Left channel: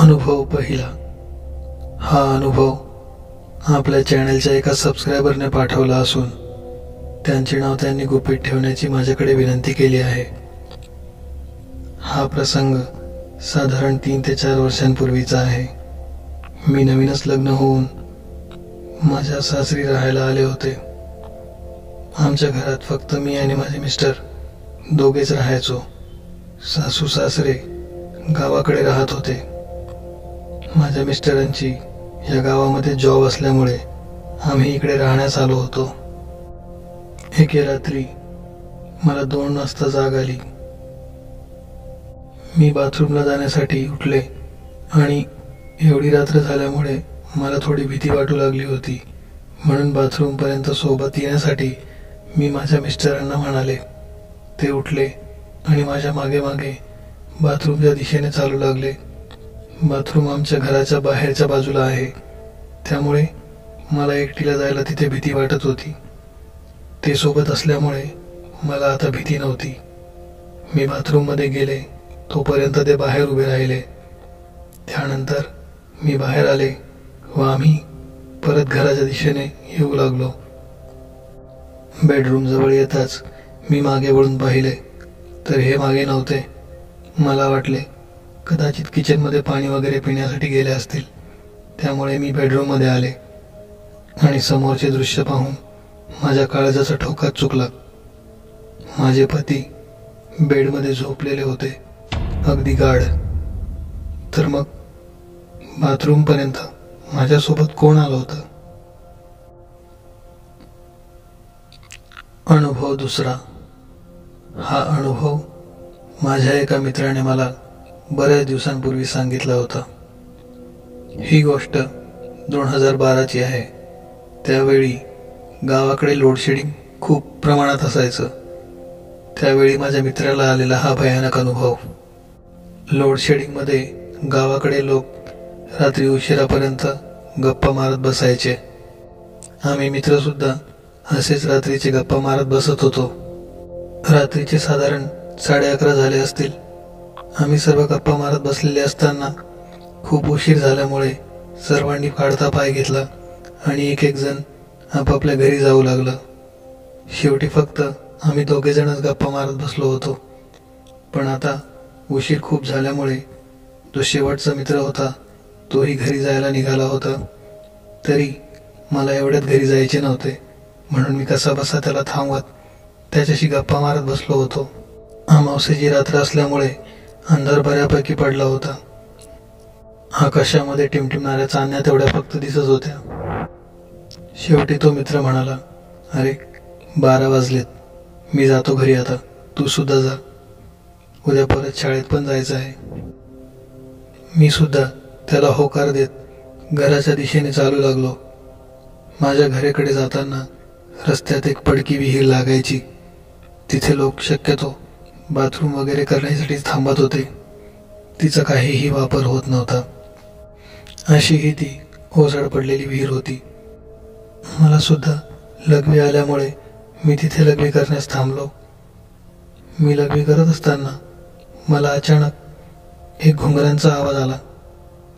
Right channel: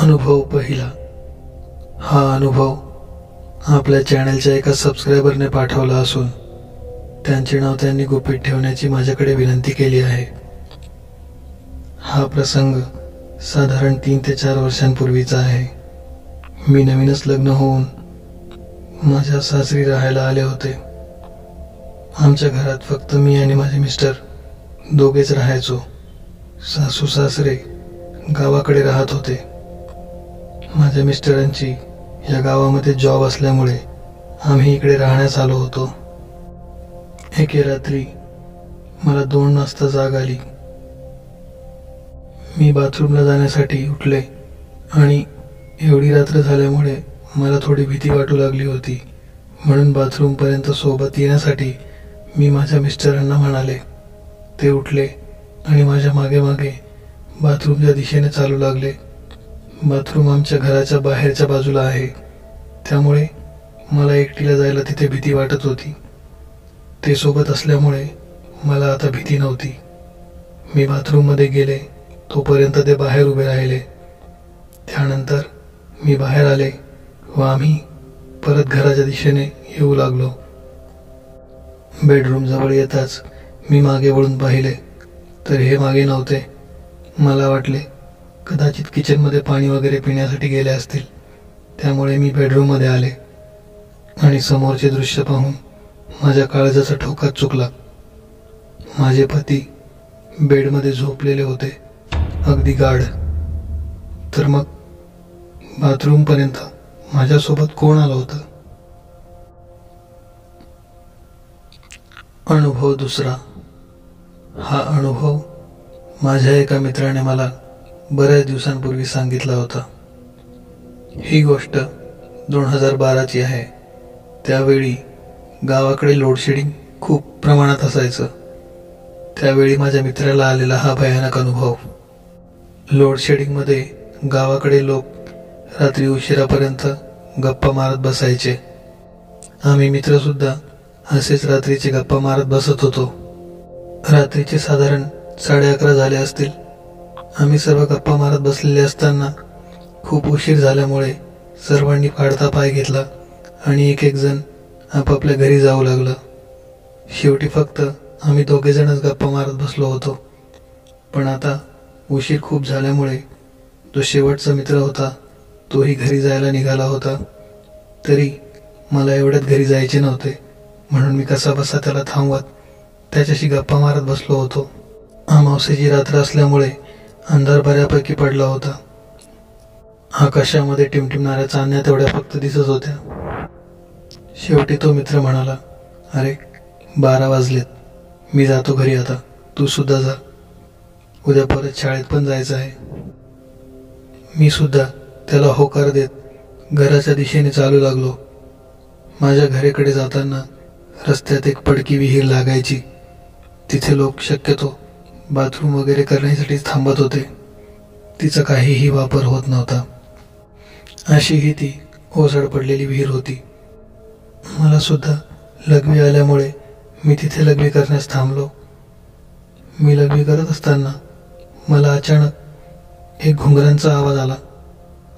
अनुभव पहिला। हा अनुभव आपल्या चॅनलच्या एका सबस्क्रायबरने पाठवला असून त्यांचे नाव त्यांनी गुपित ठेवण्याची माझ्याकडे विनंती केली आहे। हा प्रसंग साधारण 3 ते 4 वर्षांपूर्वीचा आहे। मी नवीनच लग्न होऊन माझ्या सासरी राहायला आले होते। आमच्या घरात फक्त मी आणि माझे मिस्टर दोघेच राहायचो। सासू सासरे गावाकडे राहत होते। माझ्या मिस्टरांची या गावामध्ये जॉब असल्यामुळे आम्ही इकडे राहण्यास आलो होतो। एके रात्री मला 2 वाजता जाग आली। मी बाथरूमला जाण्यासाठी उठले आणि एवढी रात्र झाल्यामुळे मला थोडी भीती वाटू लागली होती, म्हणून बाथरूमपर्यंत सोबत येण्यासाठी मी माझ्या मिस्टरांना म्हणाले। ते उठले आणि माझ्या मागे मागे बाथरूमच्या दिशेने चालू लागले। बाथरूम आमच्या घराच्या बाहेरच्या बाजूला आहे, त्यामुळे मला एकटीला जायला तिथे भीती वाटत होती। ते सोबत असल्यामुळे मला आता भीती नव्हती। मी बाथरूममध्ये गेले तोपर्यंत ते बाहेर उभे राहिले। त्यानंतर मी बाहेर आले व आम्ही परत घराच्या दिशेने येऊ लागलो। बेडरूम जवळ येताच मी मागे वळून पाहिले तर हे मागे नव्हते। मला वाटले कदाचित किचनमध्ये पाणी वगैरे पिण्यासाठी गेले असतील, त्यामुळे मी बेडरूममध्ये आले आणि समोरचे दृश्य पाहून माझ्या काळजाचा ठोकाच चुकला। माझे पती बेडमध्ये झोपलेले होते, अगदी गाढ। तर मग बाथरूमपर्यंत माझ्यासोबत कोण आलं होतं? अनुभव दुसरा। हा अनुभव माझ्या एका मित्राने मला बऱ्याच दिवसांपूर्वी सांगितला होता। ही गोष्ट 2012ची आहे। त्यावेळी गावाकडे लोडशेडिंग खूप प्रमाणात असायचं। त्यावेळी माझ्या मित्राला आलेला हा भयानक अनुभव। लोडशेडिंगमध्ये गावाकडे लोक रात्री उशिरापर्यंत गप्पा मारत बसायचे। आम्ही मित्रसुद्धा असेच रात्रीचे गप्पा मारत बसत होतो। रात्रीचे साधारण 11:30 झाले असतील। आम्ही सर्व गप्पा मारत बसलेले असताना खूप उशीर झाल्यामुळे सर्वांनी काढता पाय घेतला आणि एक एक जण आपापल्या घरी जाऊ लागलं। शेवटी फक्त आम्ही दोघेजणच गप्पा मारत बसलो होतो। पण आता उशीर खूप झाल्यामुळे जो शेवटचा मित्र होता तोही घरी जायला निघाला होता। तरी मला एवढ्यात घरी जायचे नव्हते, म्हणून मी कसाबसा त्याला थांबवत त्याच्याशी गप्पा मारत बसलो होतो। अमावस्येची रात्र असल्यामुळे अंधार बऱ्यापैकी पडला होता। आकाशामध्ये टिमटिमणाऱ्या चांदण्या तेवढ्या फक्त दिसत होत्या। शेवटी तो मित्र म्हणाला, अरे 12 वाजलेत, मी जातो घरी आता, तू सुद्धा जा, उद्या परत शाळेत पण जायचं आहे। मी सुद्धा त्याला होकार देत घराच्या दिशेने चालू लागलो। माझ्या घराकडे जाताना रस्त्यात एक पडकी विहीर लागायची। तिथे लोक शक्यतो बाथरूम वगैरे करण्यासाठी थांबत होते। तिचा काहीही वापर होत नव्हता। अशीही ती ओसड पडलेली विहीर होती। मला सुद्धा लघवी आल्यामुळे मी तिथे लघवी करण्यास थांबलो। मी लघवी करत असताना मला अचानक एक घुंगरांचा आवाज आला।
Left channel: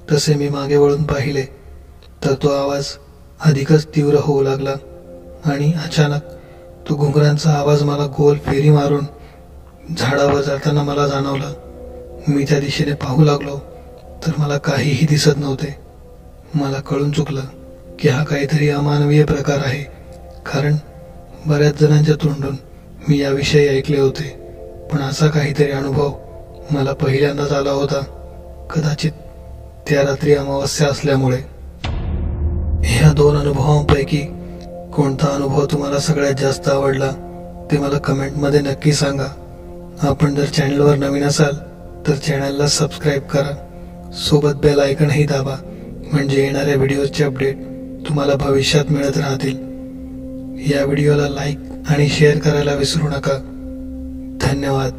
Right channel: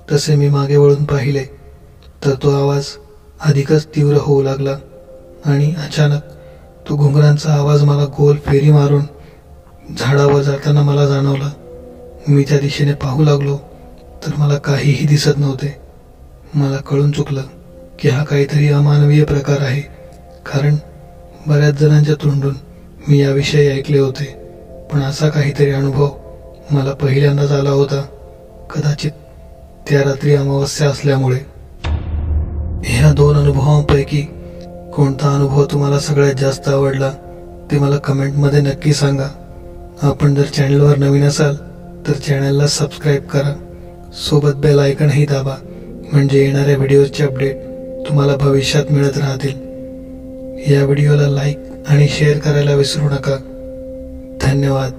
तसे मी मागे वळून पाहिले तर तो आवाज अधिकच तीव्र होऊ लागला आणि अचानक तो घुंगरांचा आवाज मला गोल फेरी मारून झाडावर जाताना मला जाणवला। मी त्या दिशेने पाहू लागलो तर मला काहीही दिसत नव्हते। मला कळून चुकलं की हा काहीतरी अमानवीय प्रकार आहे, कारण बऱ्याच जणांच्या तोंडून मी याविषयी ऐकले होते, पण असा काहीतरी अनुभव मला पहिल्यांदाच आला होता। कदाचित त्या रात्री अमावस्या असल्यामुळे। ह्या 2 अनुभवांपैकी कोणता अनुभव तुम्हाला सगळ्यात जास्त आवडला ते मला कमेंटमध्ये नक्की सांगा। आपण जर चॅनलवर नवीन असाल तर चॅनलला सबस्क्राईब करा, सोबत बेल आयकॉनही दाबा, म्हणजे येणाऱ्या व्हिडिओचे अपडेट तुम्हाला भविष्यात मिळत राहतील। या व्हिडिओला लाईक आणि शेअर करायला विसरू नका। धन्यवाद।